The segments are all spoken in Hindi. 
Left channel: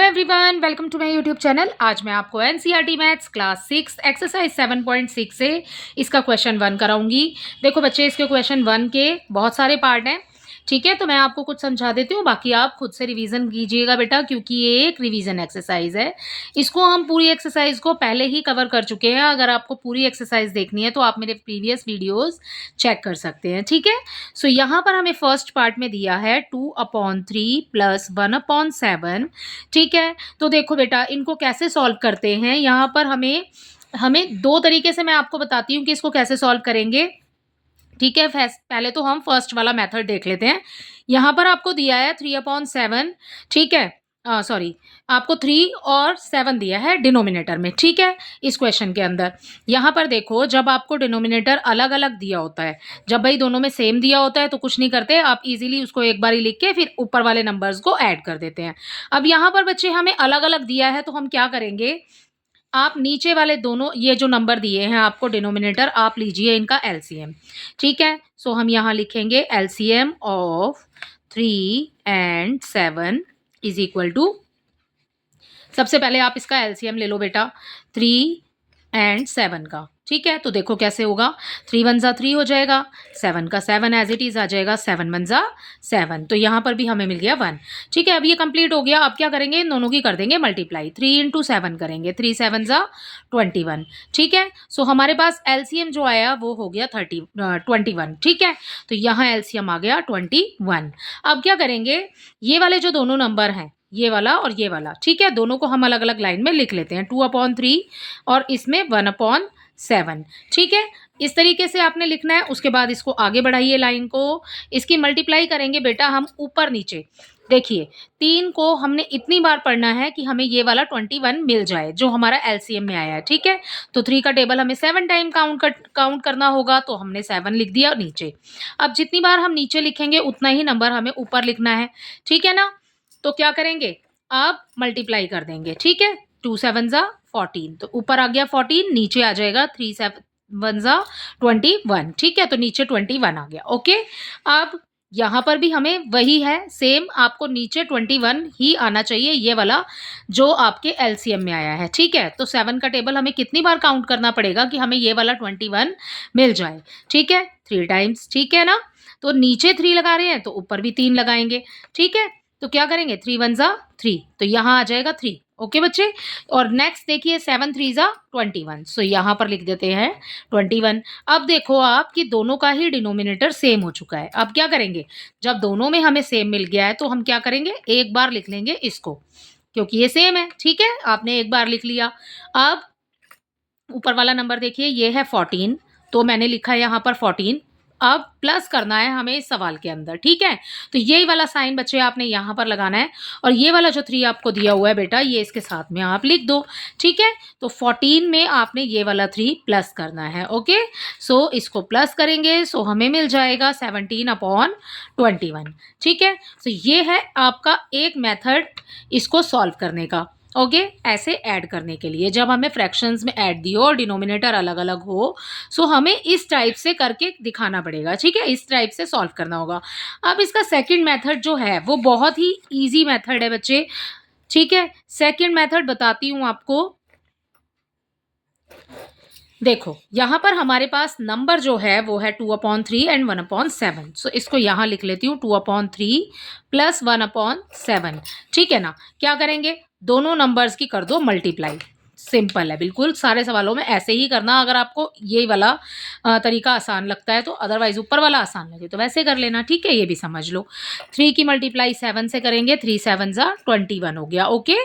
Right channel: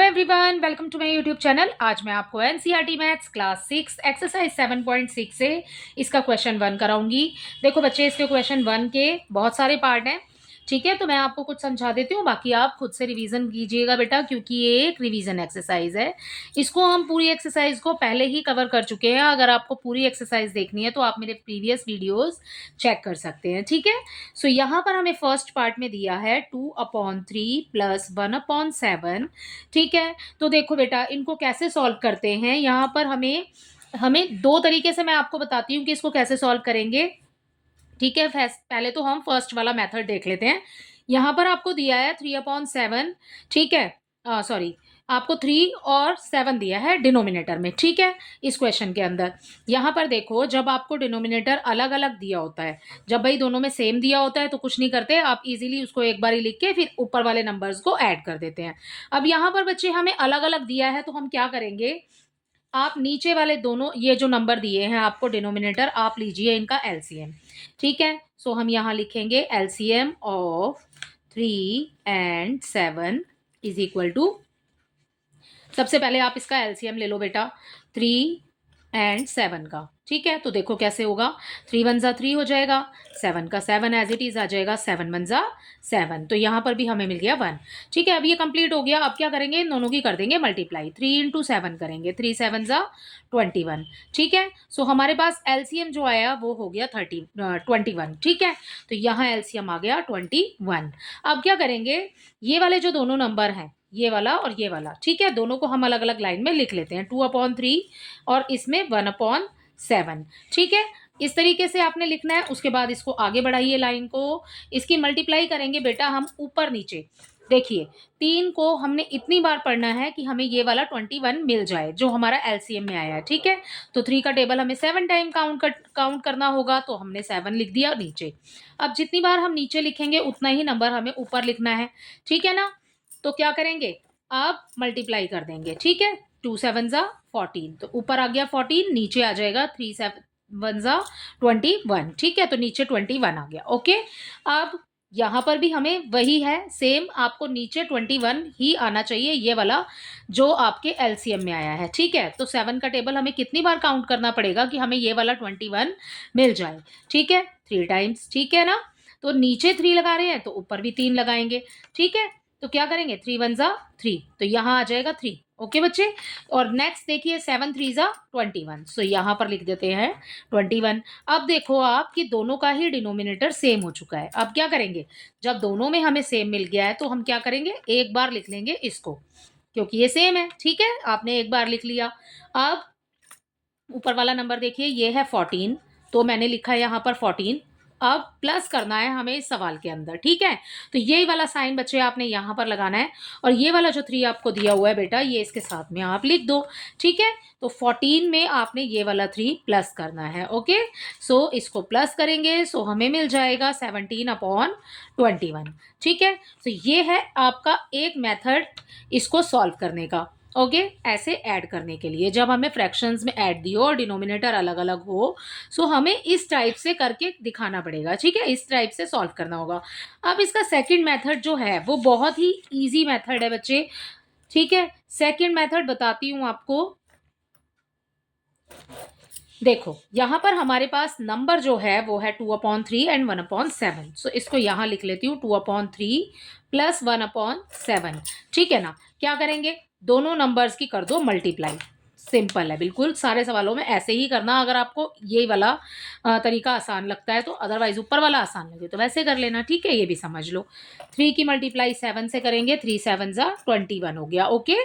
Everyone, welcome to my YouTube channel. आज मैं आपको एनसीईआरटी मैथ्स क्लास 6 एक्सरसाइज 7.6 से इसका क्वेश्चन 1 कराऊंगी। देखो बच्चे, इसके क्वेश्चन 1 के बहुत सारे पार्ट हैं, ठीक है। तो मैं आपको कुछ समझा देती हूँ, बाकी आप खुद से रिवीजन कीजिएगा बेटा, क्योंकि ये एक रिवीजन एक्सरसाइज है। इसको हम पूरी एक्सरसाइज को पहले ही कवर कर चुके हैं। अगर आपको पूरी एक्सरसाइज देखनी है तो आप मेरे प्रीवियस वीडियोस चेक कर सकते हैं, ठीक है। सो यहाँ पर हमें फर्स्ट पार्ट में दिया है 2/3 प्लस 1/7, ठीक है। तो देखो बेटा, इनको कैसे सॉल्व करते हैं। यहाँ पर हमें हमें दो तरीके से मैं आपको बताती हूँ कि इसको कैसे सॉल्व करेंगे, ठीक है। पहले तो हम फर्स्ट वाला मेथड देख लेते हैं। यहाँ पर आपको दिया है 3/7, ठीक है। सॉरी, आपको 3 और 7 दिया है डिनोमिनेटर में, ठीक है, इस क्वेश्चन के अंदर। यहाँ पर देखो, जब आपको डिनोमिनेटर अलग अलग दिया होता है, जब भाई दोनों में सेम दिया होता है तो कुछ नहीं करते, आप इजीली उसको एक बार ही लिख के फिर ऊपर वाले नंबर्स को ऐड कर देते हैं। अब यहाँ पर बच्चे हमें अलग अलग दिया है, तो हम क्या करेंगे, आप नीचे वाले दोनों ये जो नंबर दिए हैं आपको डिनोमिनेटर, आप लीजिए इनका एलसीएम, ठीक है। सो हम यहाँ लिखेंगे LCM of 3 and 7 is equal to, सबसे पहले आप इसका एलसीएम ले लो बेटा 3 एंड 7 का, ठीक है। तो देखो कैसे होगा, 3 1 जा 3 हो जाएगा, 7 का 7 एज इट इज आ जाएगा, 7 1 जा 7। तो यहाँ पर भी हमें मिल गया 1, ठीक है। अब ये कंप्लीट हो गया। अब क्या करेंगे, इन दोनों की कर देंगे मल्टीप्लाई, 3 इंटू 7 करेंगे, 3 7 जा 21, ठीक है। सो हमारे पास एलसीएम जो आया वो हो गया 21, ठीक है। तो यहाँ एलसीएम आ गया 21। अब क्या करेंगे, ये वाले जो दोनों नंबर हैं, ये वाला और ये वाला, ठीक है, दोनों को हम अलग अलग लाइन में लिख लेते हैं, 2/3 और इसमें 1/7, ठीक है। इस तरीके से आपने लिखना है। उसके बाद इसको आगे बढ़ाइए लाइन को, इसकी मल्टीप्लाई करेंगे बेटा हम ऊपर नीचे। देखिए, 3 को हमने इतनी बार पढ़ना है कि हमें ये वाला 21 मिल जाए जो हमारा एलसीएम में आया है, ठीक है। तो 3 का टेबल हमें 7 टाइम काउंट करना होगा, तो हमने 7 लिख दिया नीचे। अब जितनी बार हम नीचे लिखेंगे उतना ही नंबर हमें ऊपर लिखना है, ठीक है ना। तो क्या करेंगे, आप मल्टीप्लाई कर देंगे, ठीक है। 2 7 जा 14, तो ऊपर आ गया 14, नीचे आ जाएगा 3 7 1 जा 21, ठीक है। तो नीचे 21 आ गया, ओके। अब यहाँ पर भी हमें वही है, सेम आपको नीचे 21 ही आना चाहिए, ये वाला जो आपके एलसीएम में आया है, ठीक है। तो 7 का टेबल हमें कितनी बार काउंट करना पड़ेगा कि हमें ये वाला 21 मिल जाए, ठीक है, 3 टाइम्स, ठीक है ना। तो नीचे 3 लगा रहे हैं तो ऊपर भी 3 लगाएंगे, ठीक है। तो क्या करेंगे, 3 1 जा 3, तो यहाँ आ जाएगा 3, ओके बच्चे। और नेक्स्ट देखिए 7 3 जा 21, सो यहाँ पर लिख देते हैं 21। अब देखो आप कि दोनों का ही डिनोमिनेटर सेम हो चुका है। अब क्या करेंगे, जब दोनों में हमें सेम मिल गया है तो हम क्या करेंगे, एक बार लिख लेंगे इसको, क्योंकि ये सेम है, ठीक है। आपने एक बार लिख लिया। अब ऊपर वाला नंबर देखिए, ये है 14, तो मैंने लिखा है यहाँ पर 14। अब प्लस करना है हमें इस सवाल के अंदर, ठीक है। तो यही वाला साइन बच्चे आपने यहाँ पर लगाना है, और ये वाला जो 3 आपको दिया हुआ है बेटा, ये इसके साथ में आप लिख दो, ठीक है। तो 14 में आपने ये वाला 3 प्लस करना है, ओके। सो इसको प्लस करेंगे, सो हमें मिल जाएगा 17/21, ठीक है। तो ये है आपका एक मेथड इसको सॉल्व करने का, ओके। ऐसे ऐड करने के लिए, जब हमें फ्रैक्शंस में ऐड दियो और डिनोमिनेटर अलग अलग हो, सो हमें इस टाइप से करके दिखाना पड़ेगा, ठीक है, इस टाइप से सॉल्व करना होगा। अब इसका सेकंड मेथड जो है वो बहुत ही इजी मेथड है बच्चे, ठीक है। सेकंड मेथड बताती हूँ आपको। देखो यहाँ पर हमारे पास नंबर जो है वो है 2/3 एंड 1/7, सो इसको यहाँ लिख लेती हूँ 2/3 प्लस 1/7, ठीक है ना। क्या करेंगे, दोनों नंबर्स की कर दो मल्टीप्लाई, सिंपल है बिल्कुल। सारे सवालों में ऐसे ही करना, अगर आपको ये वाला तरीका आसान लगता है तो, अदरवाइज ऊपर वाला आसान लगे तो वैसे कर लेना, ठीक है। ये भी समझ लो, 3 की मल्टीप्लाई 7 से करेंगे, 3 7 जा 21 हो गया, ओके।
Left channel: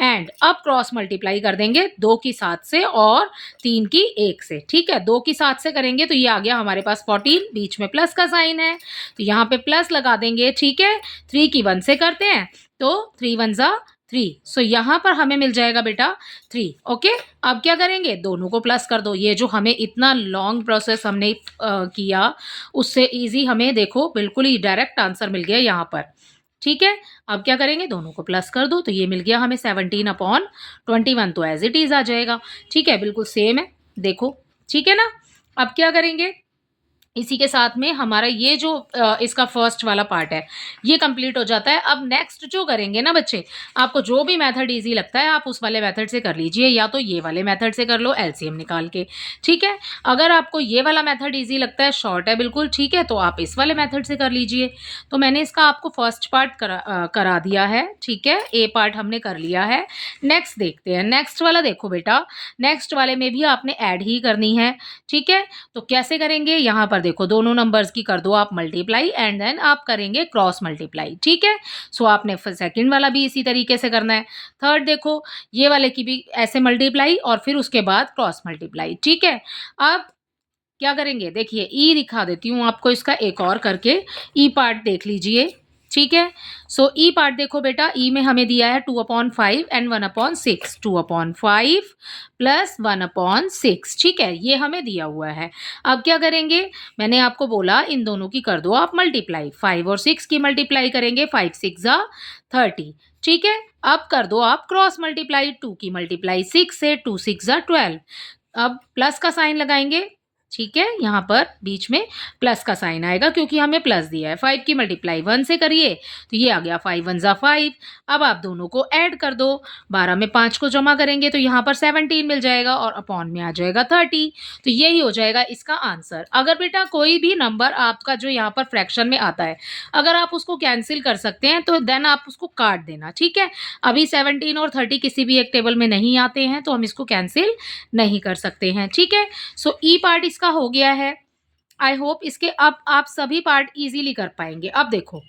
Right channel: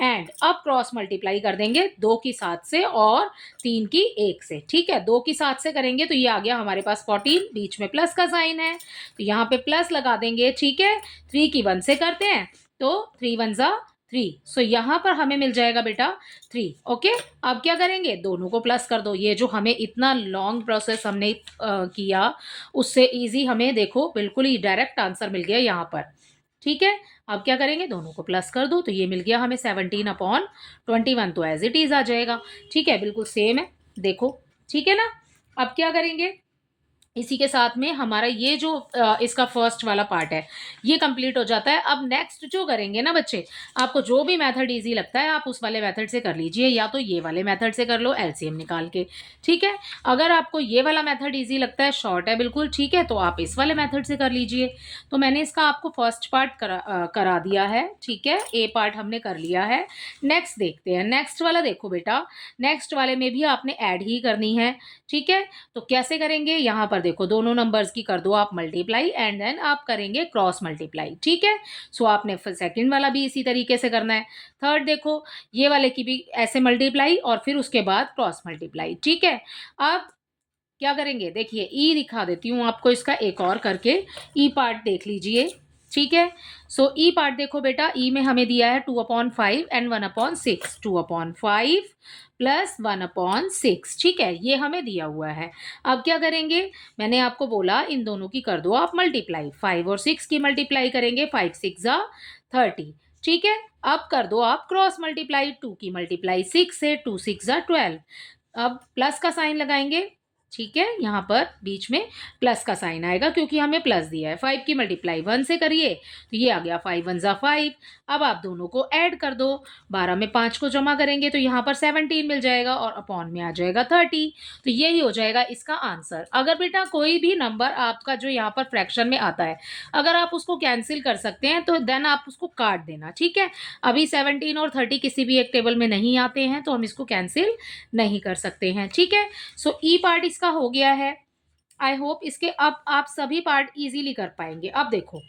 एंड अब क्रॉस मल्टीप्लाई कर देंगे 2 की 7 से और 3 की 1 से, ठीक है। 2 की 7 से करेंगे तो ये आ गया हमारे पास 14, बीच में प्लस का साइन है तो यहाँ पे प्लस लगा देंगे, ठीक है। 3 की 1 से करते हैं तो 3 1 जा 3, सो यहाँ पर हमें मिल जाएगा बेटा 3, ओके। अब क्या करेंगे, दोनों को प्लस कर दो। ये जो हमें इतना लॉन्ग प्रोसेस हमने किया, उससे इजी हमें देखो बिल्कुल ही डायरेक्ट आंसर मिल गया यहाँ पर, ठीक है। अब क्या करेंगे, दोनों को प्लस कर दो, तो ये मिल गया हमें 17/21, तो एज इट इज आ जाएगा, ठीक है, बिल्कुल सेम है, देखो, ठीक है ना। अब क्या करेंगे, इसी के साथ में हमारा ये जो इसका फर्स्ट वाला पार्ट है ये कंप्लीट हो जाता है। अब नेक्स्ट जो करेंगे ना बच्चे, आपको जो भी मेथड इजी लगता है आप उस वाले मेथड से कर लीजिए, या तो ये वाले मेथड से कर लो एलसीएम निकाल के, ठीक है। अगर आपको ये वाला मेथड इजी लगता है, शॉर्ट है बिल्कुल, ठीक है, तो आप इस वाले मेथड से कर लीजिए। तो मैंने इसका आपको फर्स्ट पार्ट करा दिया है, ठीक है, ए पार्ट हमने कर लिया है। नेक्स्ट देखते हैं, नेक्स्ट वाला देखो बेटा, नेक्स्ट वाले में भी आपने ऐड ही करनी है, ठीक है। तो कैसे करेंगे, यहाँ पर देखो दोनों नंबर्स की कर दो आप मल्टीप्लाई एंड देन आप करेंगे क्रॉस मल्टीप्लाई, ठीक है। सो आपने फिर सेकंड वाला भी इसी तरीके से करना है। थर्ड देखो, ये वाले की भी ऐसे मल्टीप्लाई और फिर उसके बाद क्रॉस मल्टीप्लाई, ठीक है। अब क्या करेंगे, देखिए ई दिखा देती हूँ आपको इसका एक और करके, ई पार्ट देख लीजिए, ठीक है। सो ई पार्ट देखो बेटा, ई में हमें दिया है 2/5 एंड 1/6, 2/5 प्लस 1/6, ठीक है, ये हमें दिया हुआ है। अब क्या करेंगे, मैंने आपको बोला इन दोनों की कर दो आप मल्टीप्लाई, 5 और 6 की मल्टीप्लाई करेंगे, 5 6 जा 30, ठीक है। अब कर दो आप क्रॉस मल्टीप्लाई, 2 की मल्टीप्लाई 6 से, 2 6 जा 12। अब प्लस का साइन लगाएंगे, ठीक है, यहाँ पर बीच में प्लस का साइन आएगा क्योंकि हमें प्लस दिया है। 5 की मल्टीप्लाई 1 से करिए तो ये आ गया 5 1 जा 5। अब आप दोनों को ऐड कर दो, 12 में 5 को जमा करेंगे तो यहाँ पर 17 मिल जाएगा और अपॉन में आ जाएगा 30। तो यही हो जाएगा इसका आंसर। अगर बेटा कोई भी नंबर आपका जो यहाँ पर फ्रैक्शन में आता है, अगर आप उसको कैंसिल कर सकते हैं तो देन आप उसको काट देना, ठीक है। अभी 17 और 30 किसी भी एक टेबल में नहीं आते हैं तो हम इसको कैंसिल नहीं कर सकते हैं, ठीक है। सो ई पार्ट इसका हो गया है। आई होप इसके अब आप सभी पार्ट इजीली कर पाएंगे। अब देखो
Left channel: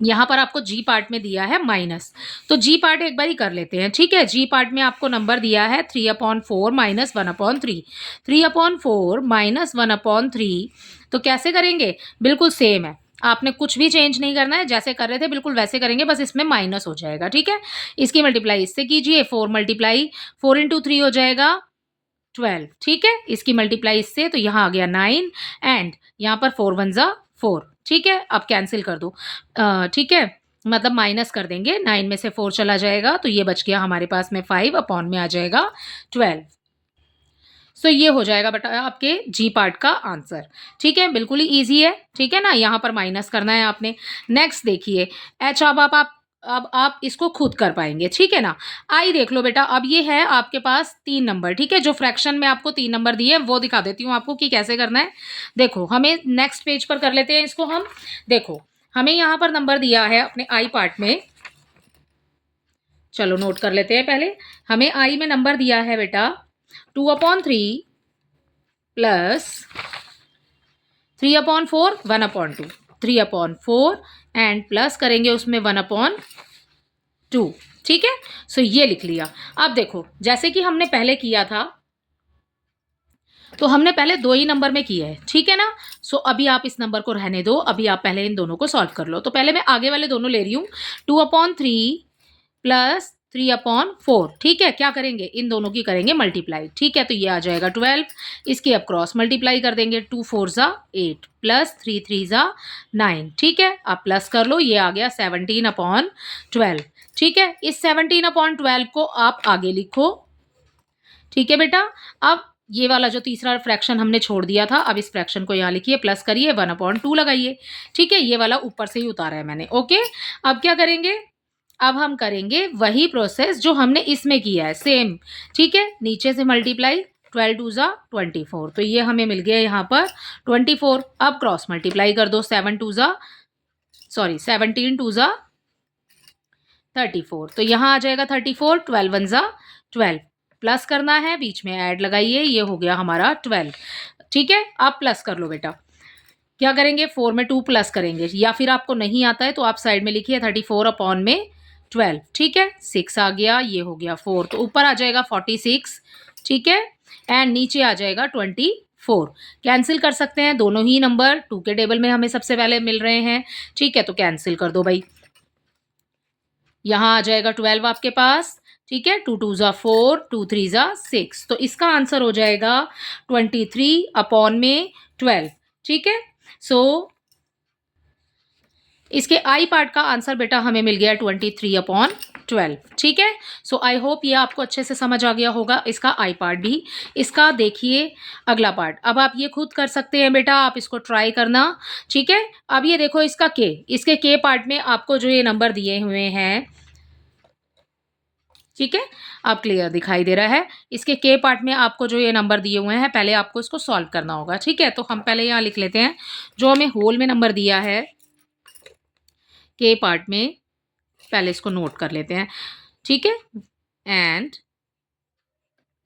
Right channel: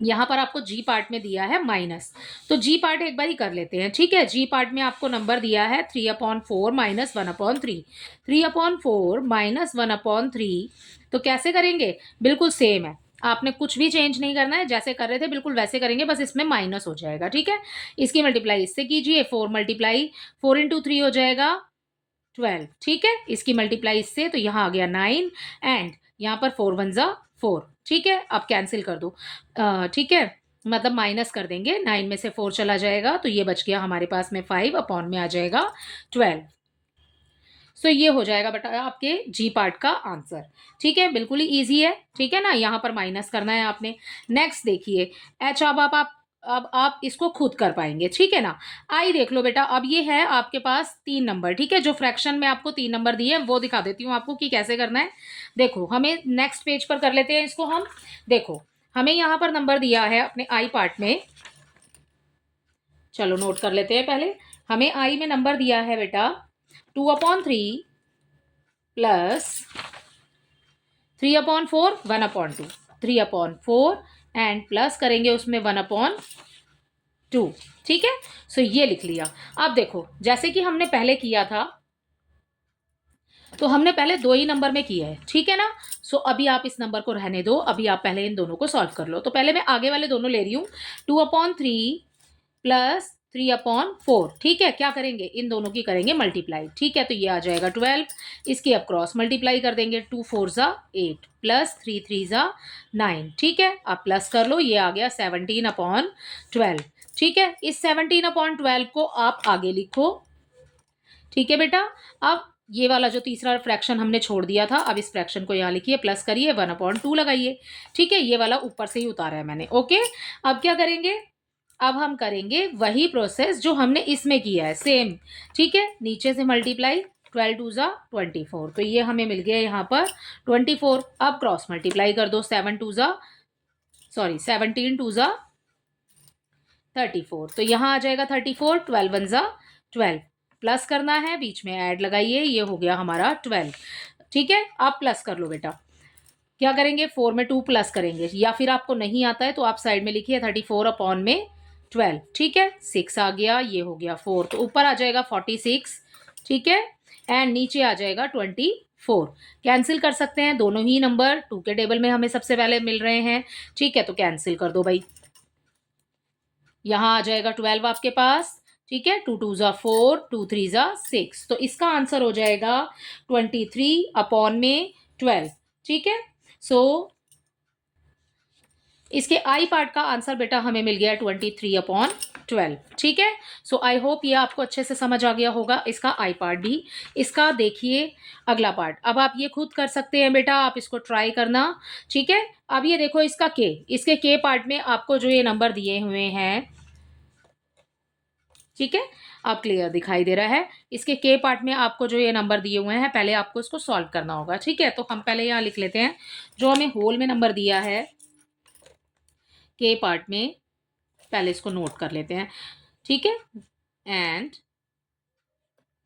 यहाँ पर आपको जी पार्ट में दिया है माइनस, तो जी पार्ट एक बार ही कर लेते हैं, ठीक है। जी पार्ट में आपको नंबर दिया है 3/4 माइनस 1/3, 3/4 माइनस 1/3। तो कैसे करेंगे, बिल्कुल सेम है, आपने कुछ भी चेंज नहीं करना है, जैसे कर रहे थे बिल्कुल वैसे करेंगे, बस इसमें माइनस हो जाएगा, ठीक है। इसकी मल्टीप्लाई इससे कीजिए, 4 मल्टीप्लाई 4 इंटू 3 हो जाएगा 12, ठीक है। इसकी मल्टीप्लाई इससे तो यहाँ आ गया 9 एंड यहाँ पर 4 1 जा 4, ठीक है। अब कैंसिल कर दो, ठीक है, मतलब माइनस कर देंगे, 9 में से 4 चला जाएगा तो ये बच गया हमारे पास में 5, अपॉन में आ जाएगा 12। सो ये हो जाएगा बेटा आपके जी पार्ट का आंसर, ठीक है, बिल्कुल ही ईजी है, ठीक है ना। यहाँ पर माइनस करना है आपने। नेक्स्ट देखिए एच, अब आप इसको खुद कर पाएंगे, ठीक है ना। आई देख लो बेटा, अब ये है आपके पास 3 नंबर, ठीक है, जो फ्रैक्शन में आपको 3 नंबर दिए वो दिखा देती हूँ आपको कि कैसे करना है। देखो हमें नेक्स्ट पेज पर कर लेते हैं इसको हम। देखो हमें यहाँ पर नंबर दिया है अपने आई पार्ट में, चलो नोट कर लेते हैं पहले। हमें आई में नंबर दिया है बेटा 2/3 प्लस 3/4 1/2, 3/4 एंड प्लस करेंगे उसमें 1/2, ठीक है। सो ये लिख लिया। अब देखो जैसे कि हमने पहले किया था, तो हमने पहले 2 ही नंबर में किया है, ठीक है ना। सो अभी आप इस नंबर को रहने दो, अभी आप पहले इन दोनों को सॉल्व कर लो। तो पहले मैं आगे वाले दोनों ले रही हूँ, 2/3 प्लस 3/4, ठीक है। क्या करेंगे, इन दोनों की करेंगे मल्टीप्लाई, ठीक है, तो ये आ जाएगा 12। इसकी अब क्रॉस मल्टीप्लाई कर देंगे, 2 4 जा 8 प्लस 3 3 जा 9, ठीक है। अब प्लस कर लो, ये आ गया 17/12, ठीक है। इस 17/12 को आप आगे लिखो, ठीक है बेटा। अब ये वाला जो तीसरा फ्रैक्शन हमने छोड़ दिया था, अब इस फ्रैक्शन को यहाँ लिखिए, प्लस करिए, 1/2 लगाइए, ठीक है। ये वाला ऊपर से ही उतारा है मैंने, ओके। अब क्या करेंगे, अब हम करेंगे वही प्रोसेस जो हमने इसमें किया है, सेम, ठीक है। नीचे से मल्टीप्लाई, 12 2 जा 24, तो ये हमें मिल गया यहाँ पर 24। अब क्रॉस मल्टीप्लाई कर दो, 17 2 जा 34, तो यहाँ आ जाएगा 34, 12 1 जा 12, प्लस करना है, बीच में ऐड लगाइए, ये हो गया हमारा 12, ठीक है। अब प्लस कर लो बेटा, क्या करेंगे, 4 में 2 प्लस करेंगे, या फिर आपको नहीं आता है तो आप साइड में लिखिए 34/12, ठीक है। 6 आ गया, ये हो गया 4, तो ऊपर आ जाएगा 46, ठीक है, एंड नीचे आ जाएगा 24। कैंसिल कर सकते हैं, दोनों ही नंबर 2 के टेबल में हमें सबसे पहले मिल रहे हैं, ठीक है, तो कैंसिल कर दो भाई। यहाँ आ जाएगा 12 आपके पास, ठीक है, 2 2 जा 4, 2 3 जा 6, तो इसका आंसर हो जाएगा 23/12, ठीक है। सो इसके आई पार्ट का आंसर बेटा हमें मिल गया 23/12। 12। ठीक है। सो आई होप ये आपको अच्छे से समझ आ गया होगा, इसका आई पार्ट भी। इसका देखिए अगला पार्ट, अब आप ये खुद कर सकते हैं बेटा, आप इसको ट्राई करना। ठीक है। अब ये देखो इसका के, इसके के पार्ट में आपको जो ये नंबर दिए हुए हैं, ठीक है, अब क्लियर दिखाई दे रहा है। इसके के पार्ट में आपको जो ये नंबर दिए हुए हैं, पहले आपको इसको सॉल्व करना होगा। ठीक है, तो हम पहले यहाँ लिख लेते हैं जो हमें होल में नंबर दिया है के पार्ट में, पहले इसको नोट कर लेते हैं। ठीक है। एंड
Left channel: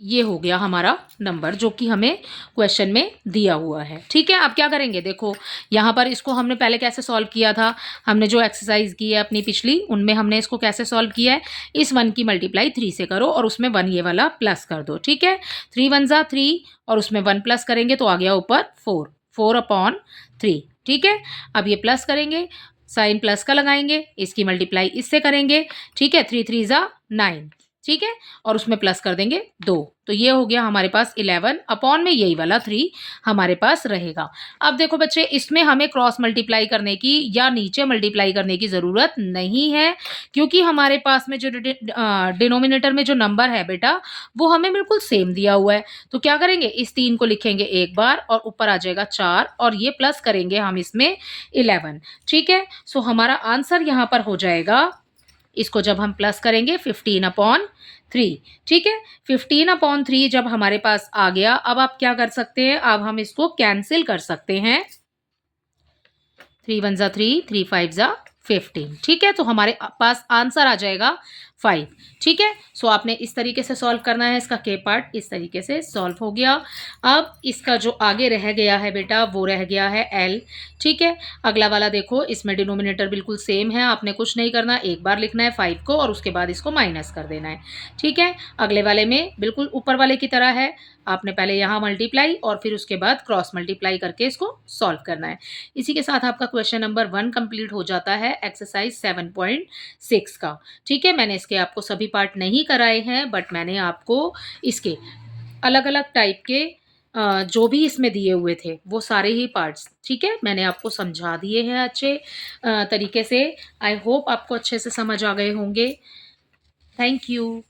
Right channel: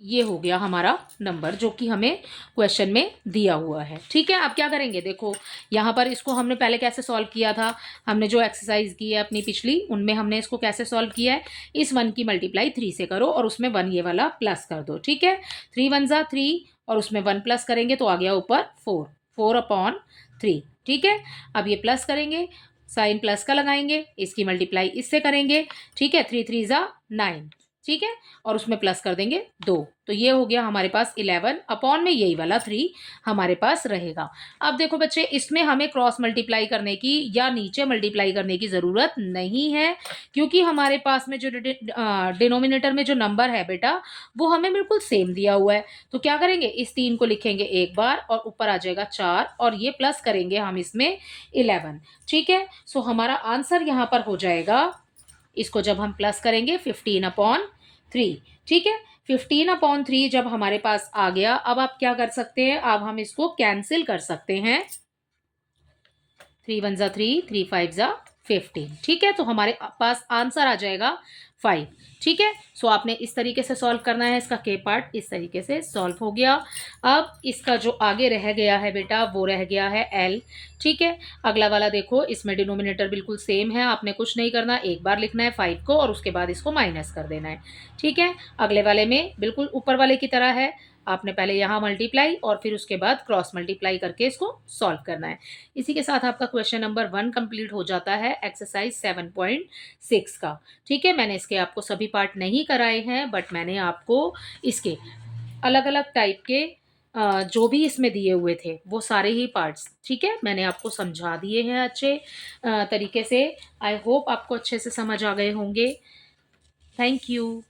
ये हो गया हमारा नंबर जो कि हमें क्वेश्चन में दिया हुआ है। ठीक है। अब क्या करेंगे, देखो यहाँ पर इसको हमने पहले कैसे सॉल्व किया था, हमने जो एक्सरसाइज की है अपनी पिछली, उनमें हमने इसको कैसे सॉल्व किया है, इस 1 की मल्टीप्लाई 3 से करो और उसमें 1 ये वाला प्लस कर दो। ठीक है। 3 1 जा 3 और उसमें 1 प्लस करेंगे तो आ गया ऊपर 4, 4/3। ठीक है। अब ये प्लस करेंगे, साइन प्लस का लगाएंगे, इसकी मल्टीप्लाई इससे करेंगे। ठीक है। 3 3 जा 9। ठीक है। और उसमें प्लस कर देंगे 2, तो ये हो गया हमारे पास 11 अपॉन में यही वाला 3 हमारे पास रहेगा। अब देखो बच्चे, इसमें हमें क्रॉस मल्टीप्लाई करने की या नीचे मल्टीप्लाई करने की ज़रूरत नहीं है, क्योंकि हमारे पास में जो डिनोमिनेटर में जो नंबर है बेटा, वो हमें बिल्कुल सेम दिया हुआ है। तो क्या करेंगे, इस 3 को लिखेंगे एक बार और ऊपर आ जाएगा 4 और ये प्लस करेंगे हम इसमें 11। ठीक है। सो हमारा आंसर यहाँ पर हो जाएगा, इसको जब हम प्लस करेंगे 15/3। ठीक है। 15/3 जब हमारे पास आ गया, अब आप क्या कर सकते हैं, अब हम इसको कैंसिल कर सकते हैं। 3 1 जा 3, 3 5 जा 15। ठीक है। तो हमारे पास आंसर आ जाएगा 5। ठीक है। सो आपने इस तरीके से सॉल्व करना है, इसका के पार्ट इस तरीके से सॉल्व हो गया। अब इसका जो आगे रह गया है बेटा, वो रह गया है एल। ठीक है। अगला वाला देखो, इसमें डिनोमिनेटर बिल्कुल सेम है, आपने कुछ नहीं करना, एक बार लिखना है 5 को और उसके बाद इसको माइनस कर देना है। ठीक है। अगले वाले में बिल्कुल ऊपर वाले की तरह है, आपने पहले यहाँ मल्टीप्लाई और फिर उसके बाद क्रॉस मल्टीप्लाई करके इसको सॉल्व करना है। इसी के साथ आपका क्वेश्चन नंबर 1 कंप्लीट हो जाता है एक्सरसाइज 7.6 का। ठीक है। मैंने इसके आपको सभी पार्ट नहीं कराए हैं, बट मैंने आपको इसके अलग अलग टाइप के जो भी इसमें दिए हुए थे वो सारे ही पार्ट्स, ठीक है, मैंने आपको समझा दिए हैं अच्छे तरीके से। आई होप आपको अच्छे से समझ आ गए होंगे। Thank you.